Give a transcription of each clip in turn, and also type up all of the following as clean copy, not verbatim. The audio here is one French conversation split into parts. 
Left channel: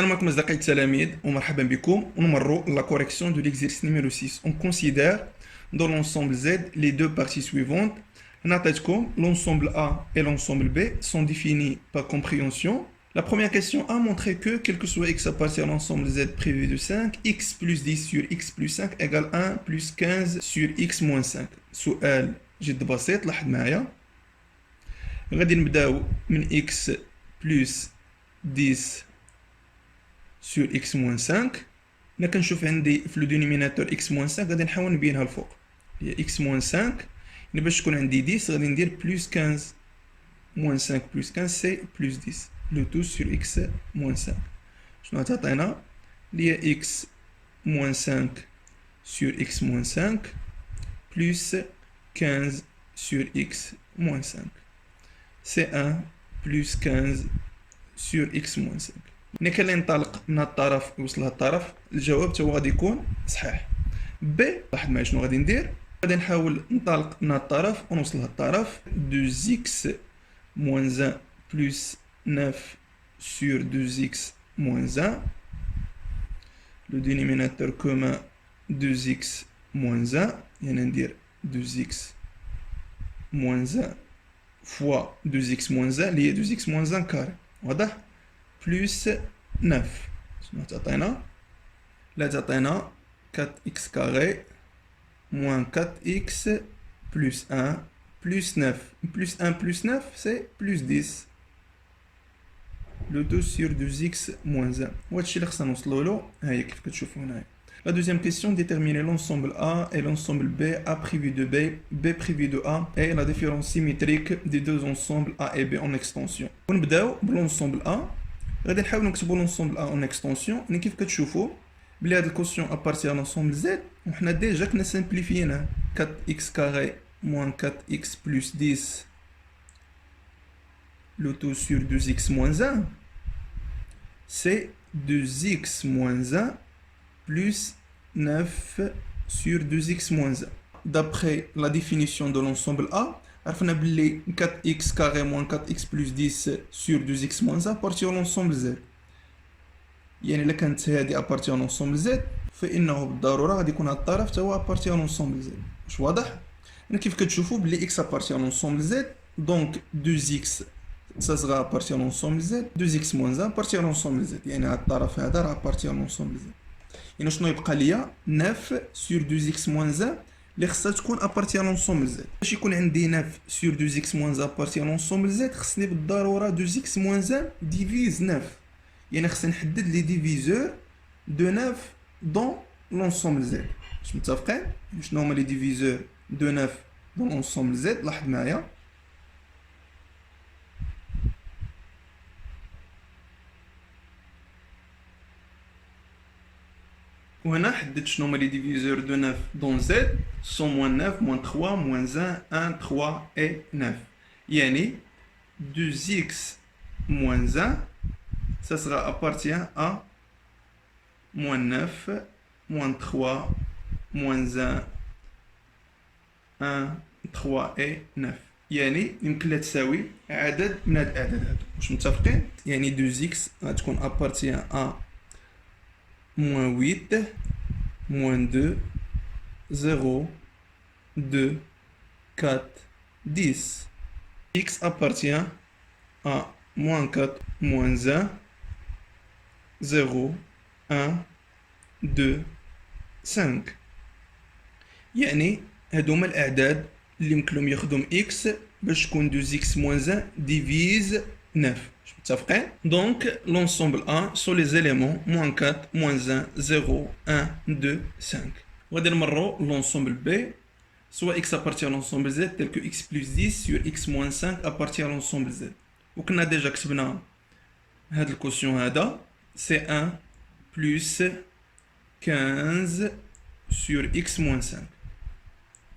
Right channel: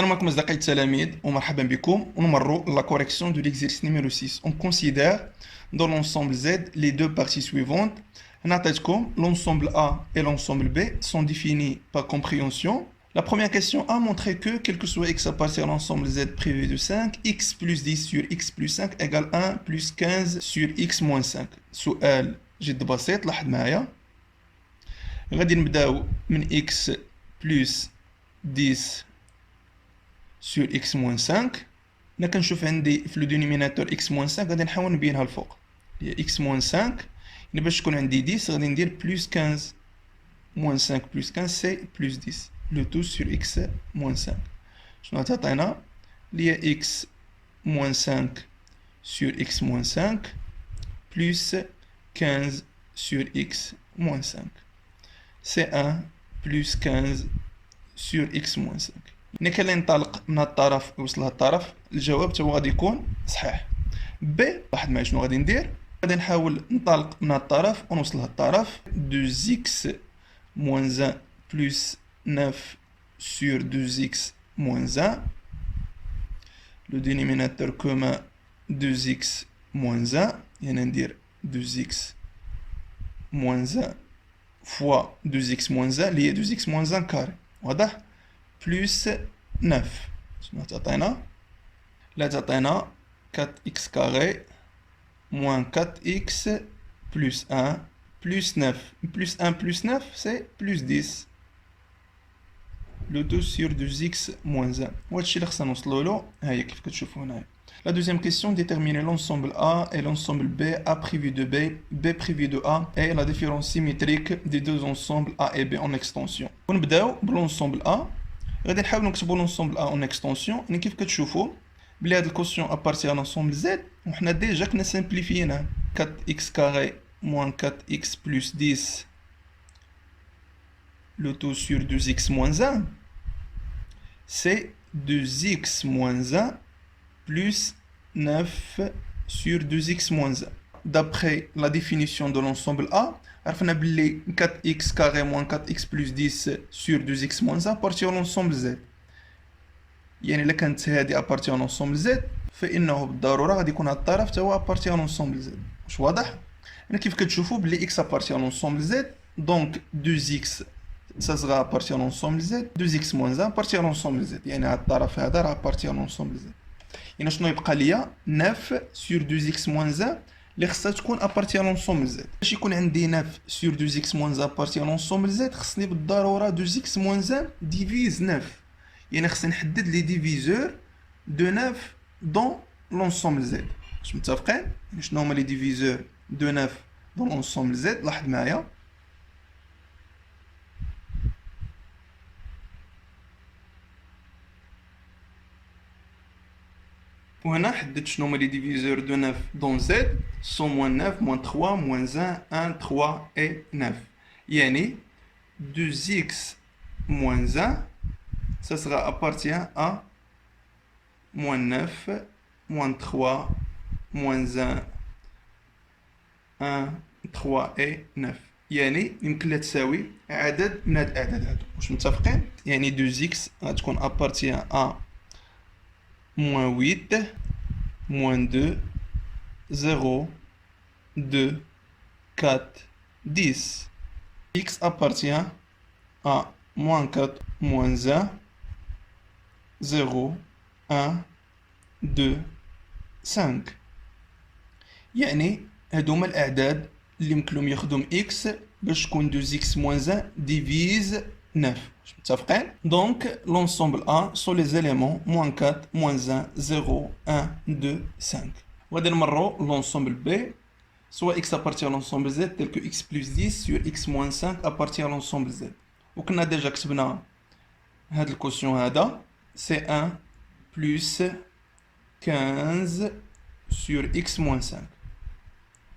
Salam alaikum أصدقائي التلاميذ ومرحبا بكم ونمروا la correction de l'exercice numéro 6. On considère dans l'ensemble Z les deux parties suivantes. نعطيتكم l'ensemble A et l'ensemble B sont définis par compréhension. La première question a montré que, quel que soit x appartient à l'ensemble Z privé de 5, x plus 10 sur x plus 5 égale 1 plus 15 sur x moins 5. سؤال جد بسيط لاحظ معايا. غادي نبداو من x plus 10 sur x moins 5. là كنشوف عندي في لو دينوميناتور x moins 5 غادي نحاول نبينها الفوق هي x moins 5 باش تكون عندي 10 غادي ندير plus 15 moins 5 plus 15 c'est plus 10 le tout sur x moins 5 شنو تعطينا اللي هي x moins 5 sur x moins 5 plus 15 sur x moins 5 c'est 1 plus 15 sur x moins 5. ملي كننطلق من الطرف يوصل للطرف الجواب تا هو غادي يكون صحيح. ب واحد معايا شنو غادي ندير غادي نحاول ننطلق من الطرف ونوصل للطرف 2x moins 1 plus 9 sur 2x moins 1 le dénominateur commun 2x moins 1 يعني ندير 2x moins 1 fois 2x moins 1 اللي هي 2x moins 1 كاري واضح plus 9 شنو تعطينا لا تعطينا 4x carré moins 4x plus 1 plus 9 plus 1 plus 9 c'est plus 10 le 2 sur 2x moins 1 وهادشي اللي خصنا نوصلوا له ها هي كيف كتشوفوا هنايا. La deuxième question, déterminer l'ensemble A et l'ensemble B, A privé de B, B privé de A et la différence symétrique des deux ensembles A et B en extension. ونبداو بالensemble A. غادي نحاول نكتبوا l'ensemble A en extension. يعني كيف كتشوفوا بلي هاد الكوسيون appartient à l'ensemble Z وحنا ديجا كنا سامبليفيناه 4x carré moins 4x plus 10 le tout sur 2x moins 1 c'est 2x moins 1 plus 9 sur 2x moins 1. D'après la définition de l'ensemble A, عرفنا بلي 4x carré moins 4x plus 10 sur 2x moins 1 appartient à l'ensemble Z. يعني إلا كانت هذه appartient à l'ensemble Z فإنه بالضرورة غادي يكون هاد الطرف تا هو appartient à l'ensemble Z. واش واضح؟ يعني كيف كتشوفوا بلي x appartient à l'ensemble Z donc 2x ça sera appartient à l'ensemble Z 2x moins 1 appartient à l'ensemble Z يعني هاد الطرف هذا راه appartient à l'ensemble Z. يعني شنو يبقى ليا 9 sur 2x moins 1 اللي خصها تكون appartient à l'ensemble Z. باش يكون عندي 9 sur 2x moins 1 appartient à l'ensemble Z خصني بالضروره 2x moins 1 divise 9 يعني خصني نحدد لي ديفيزور دو 9 dans l'ensemble Z. واش متفقين شنو هما لي ديفيزور دو 9 dans l'ensemble Z؟ لاحظ معايا وهنا حددت شنو هما لي ديفيزور دو 9 دون زد سون موان 9 موان 3 موان 1 1 3 اي 9 يعني 2x moins 1 ça sera appartient à moins 9 moins 3 moins 1 1 3 et 9 يعني يمكن لها تساوي عدد من هاد الاعداد هادو. واش متفقين يعني 2x غتكون appartient à moins 8, moins 2, 0, 2, 4, 10. X appartient à moins 4, moins 1, 0, 1, 2, 5. يعني هادوما الأعداد اللي يمكن لهم يخدم x باش تكون 2x moins 1 divise 9. Donc, l'ensemble A sont les éléments moins 4, moins 1, 0, 1, 2, 5. وغادي نمروا l'ensemble B, soit x appartient à l'ensemble Z tel que x plus 10 sur x moins 5 appartient à l'ensemble Z. وكنا ديجا كتبنا هاد الكوسيون هذا c'est 1 plus 15 sur x moins 5.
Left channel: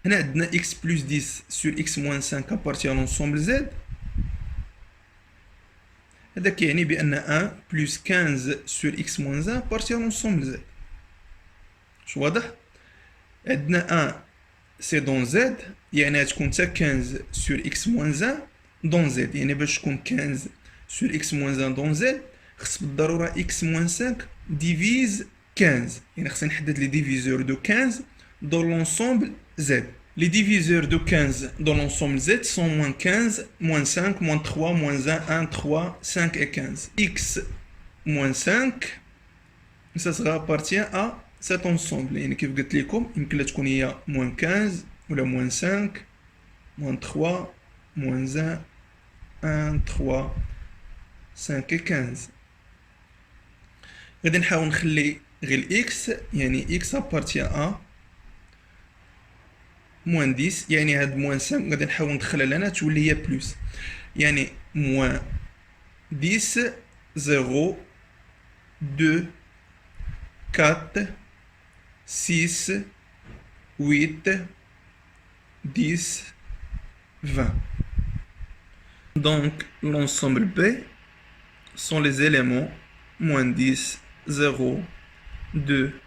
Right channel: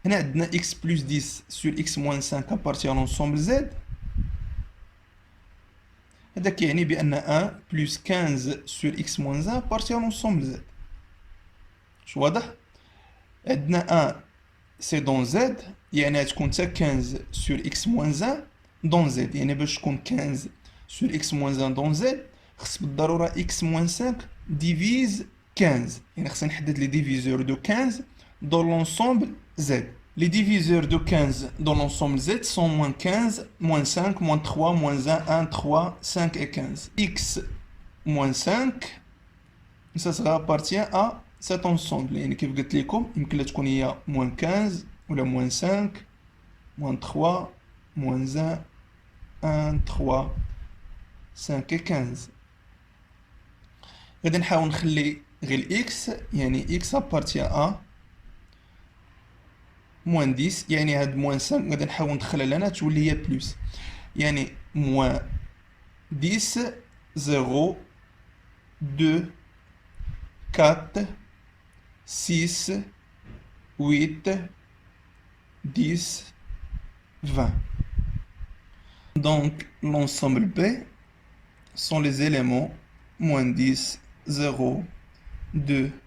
هنا عندنا x plus 10 sur x moins 5 appartient à l'ensemble Z. هذا كيعني بأن 1 plus 15 sur x moins 1 appartient à l'ensemble Z. واش واضح؟ عندنا 1 سي دون Z يعني غتكون حتى 15 sur x moins 1 دون Z يعني باش تكون 15 sur x moins 1 دون Z خص بالضروره x moins 5 divise 15. يعني خصني نحدد les diviseurs de 15 dans l'ensemble z. Les diviseurs de 15 dans l'ensemble z sont moins 15, moins 5, moins 3, moins 1, 1, 3, 5 et 15. X moins 5, ça sera appartient à cet ensemble. يعني كيف قلت لكم يمكن تكون هي moins 15 ولا moins 5, moins 3, moins 1, 1, 3, 5 et 15. غادي نحاول نخلي غير x يعني x appartient à moins 10 يعني هاد moins 5 غادي نحاول ندخلها لنا تولي هي بلس يعني moins 10 0 2 4 6 8 10 20. Donc l'ensemble B sont les éléments moins 10 0 2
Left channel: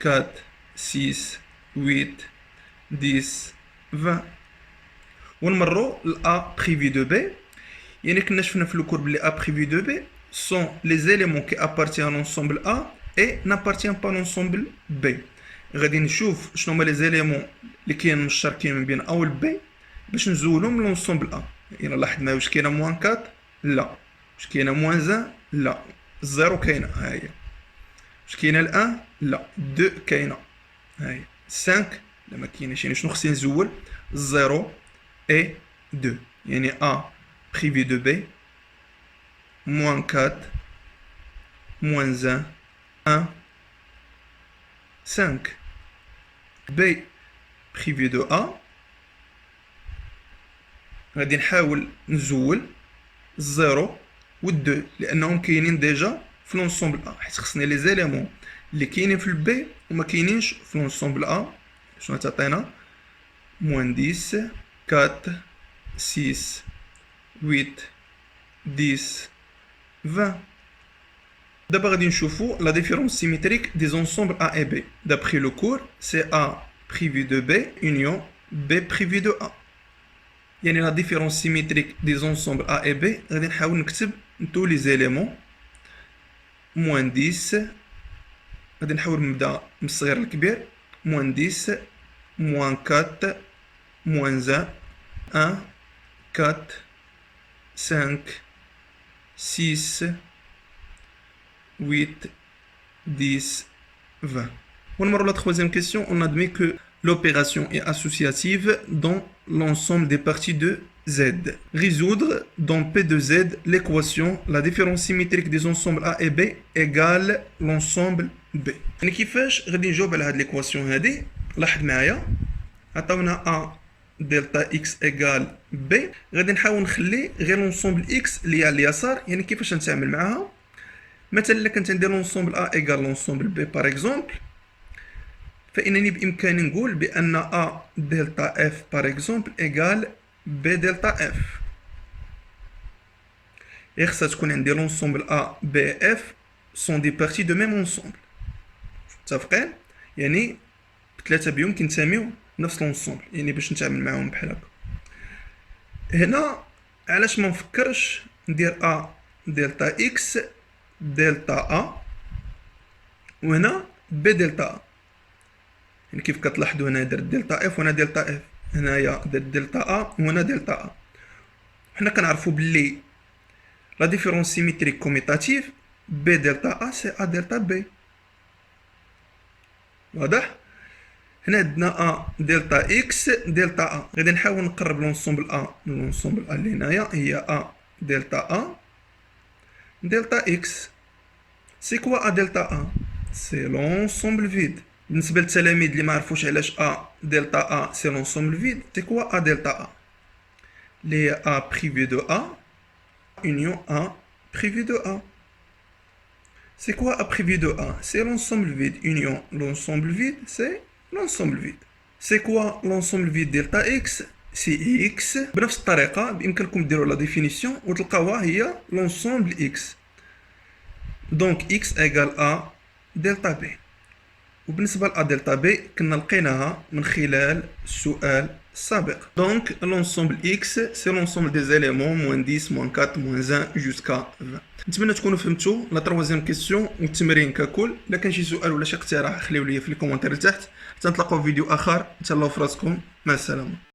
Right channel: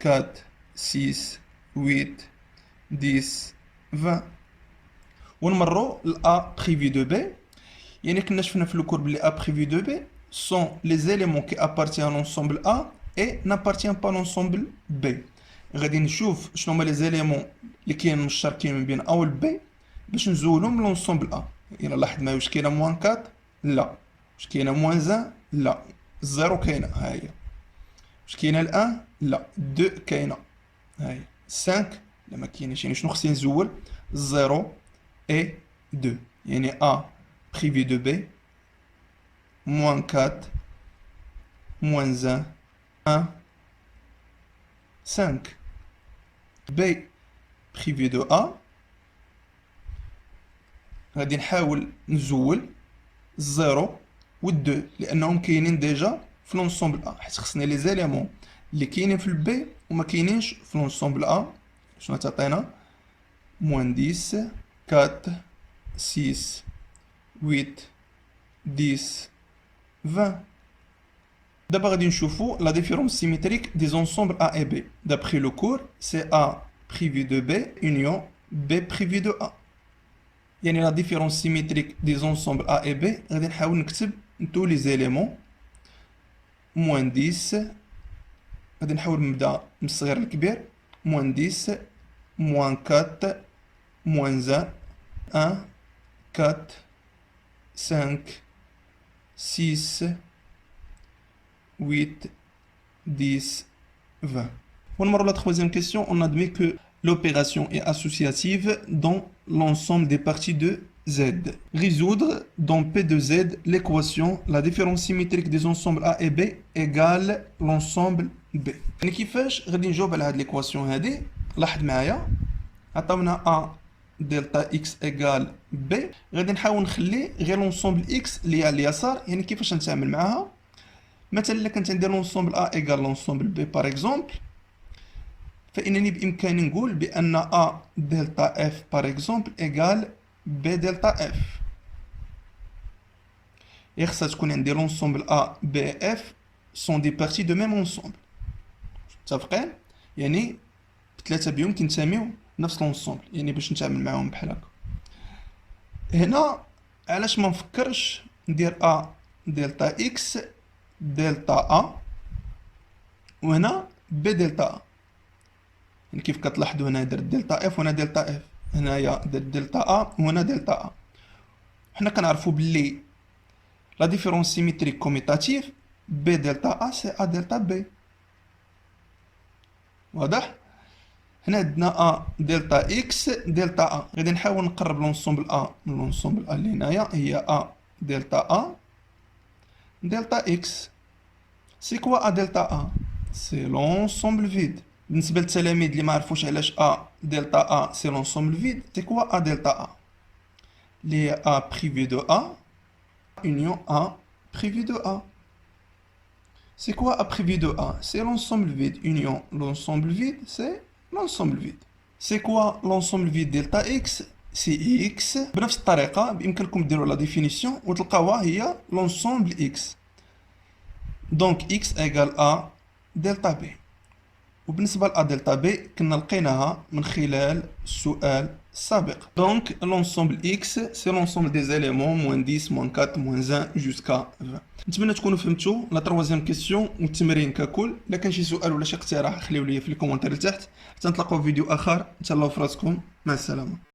4 6 8 10 20. ونمروا ل A privé de B. يعني كنا شفنا في الكور بلي A privé de B sont les éléments qui appartiennent à l'ensemble A et n'appartiennent pas à l'ensemble B. غادي نشوف شنو هما les éléments اللي كاين مشتركين من بين A و B باش نزولهم لونسومبل A. يعني لاحظ معايا واش كاينه موان 4 لا، واش كاينه موان 1 لا، الزيرو كاينه ها هي، واش كاينه الان لا، 2 كاينه ها هي، 5 لا ما كايناش. يعني شنو خصني نزول 0 et 2 يعني A privé de B moins 4 moins 1 1 5 B privé de A غادي نحاول نزول 0 و 2 لانهم كاينين ديجا في لونسومبل A حيت خصني لي زيليمون اللي كاينين في البي وما كاينينش في لونسومبل A. شنو تعطينا moins 10 4 6 8 10 20. D'abord غادي نشوفوا la différence symétrique des ensembles A et B. D'après le cours, c'est A privé de B union B privé de A. يعني la différence symétrique des ensembles A et B غادي نحاول نكتب tous les éléments moins 10 غادي نحاول نبدا من الصغير للكبير moins 10 moins 4 moins 1 1 4 5 6 8 10 20. ونمروا la troisième question. On admet que l'opération est associative dans l'ensemble des parties de Z. Résoudre dans P de Z l'équation la différence symétrique des ensembles A et B égale l'ensemble B. يعني كيفاش غادي نجاوب على هاد l'équation هادي؟ لاحظ معايا عطاونا A دلتا x égale B. غادي نحاول نخلي غير لونسومبل x اللي على اليسار. يعني كيفاش نتعامل معاها؟ مثلا الا كنت عندي لونسومبل A égale لونسومبل B par exemple فإنني بإمكاني نقول بأن A دلتا F par exemple égale B دلتا F. et خصها تكون عندي لونسومبل A B F sont des parties de même ensemble. متفقين؟ يعني بثلاثة بيهم كينتميو نفس لونسومبل يعني باش نتعامل معاهم بحال هكا. هنا علاش ما نفكرش ندير A دلتا X دلتا A وهنا B دلتا A. يعني كيف كتلاحظوا هنا درت دلتا F وهنا دلتا F، هنايا درت دلتا A وهنا دلتا A. حنا كنعرفوا بلي لا ديفيرونس سيميتريك كوميتاتيف B دلتا A سي A دلتا B. واضح؟ هنا عندنا A دلتا X دلتا A. غادي نحاول نقرب لونسومبل A من لونسومبل A اللي هنايا هي A دلتا A دلتا X. سي كوا A دلتا A؟ سي لونسومبل فيد. بالنسبة للتلاميذ اللي ما عرفوش علاش A دلتا A سي لونسومبل فيد، سي كوا A دلتا A؟ اللي هي A privé de A union A privé de A. C'est quoi A privé de A? C'est l'ensemble vide union l'ensemble vide, c'est l'ensemble vide. C'est quoi l'ensemble vide delta X? C'est X. بنفس الطريقة بإمكانكم ديروا لا ديفينيسيون وتلقاوها هي l'ensemble X. Donc X égale A delta B. وبالنسبة ل دلتا بي كنا لقيناها من خلال السؤال السابق. دونك لونسومبل اكس سي لونسومبل دي زيليمون موان 10 موان 4 موان 1 جوسكا 20. نتمنى تكونوا فهمتوا لا تروازيام كيسيون والتمرين ككل. الا كان شي سؤال ولا شي اقتراح خليو لي في الكومنتير تحت. حتى نتلاقاو في فيديو اخر. تهلاو في راسكم، مع السلامه.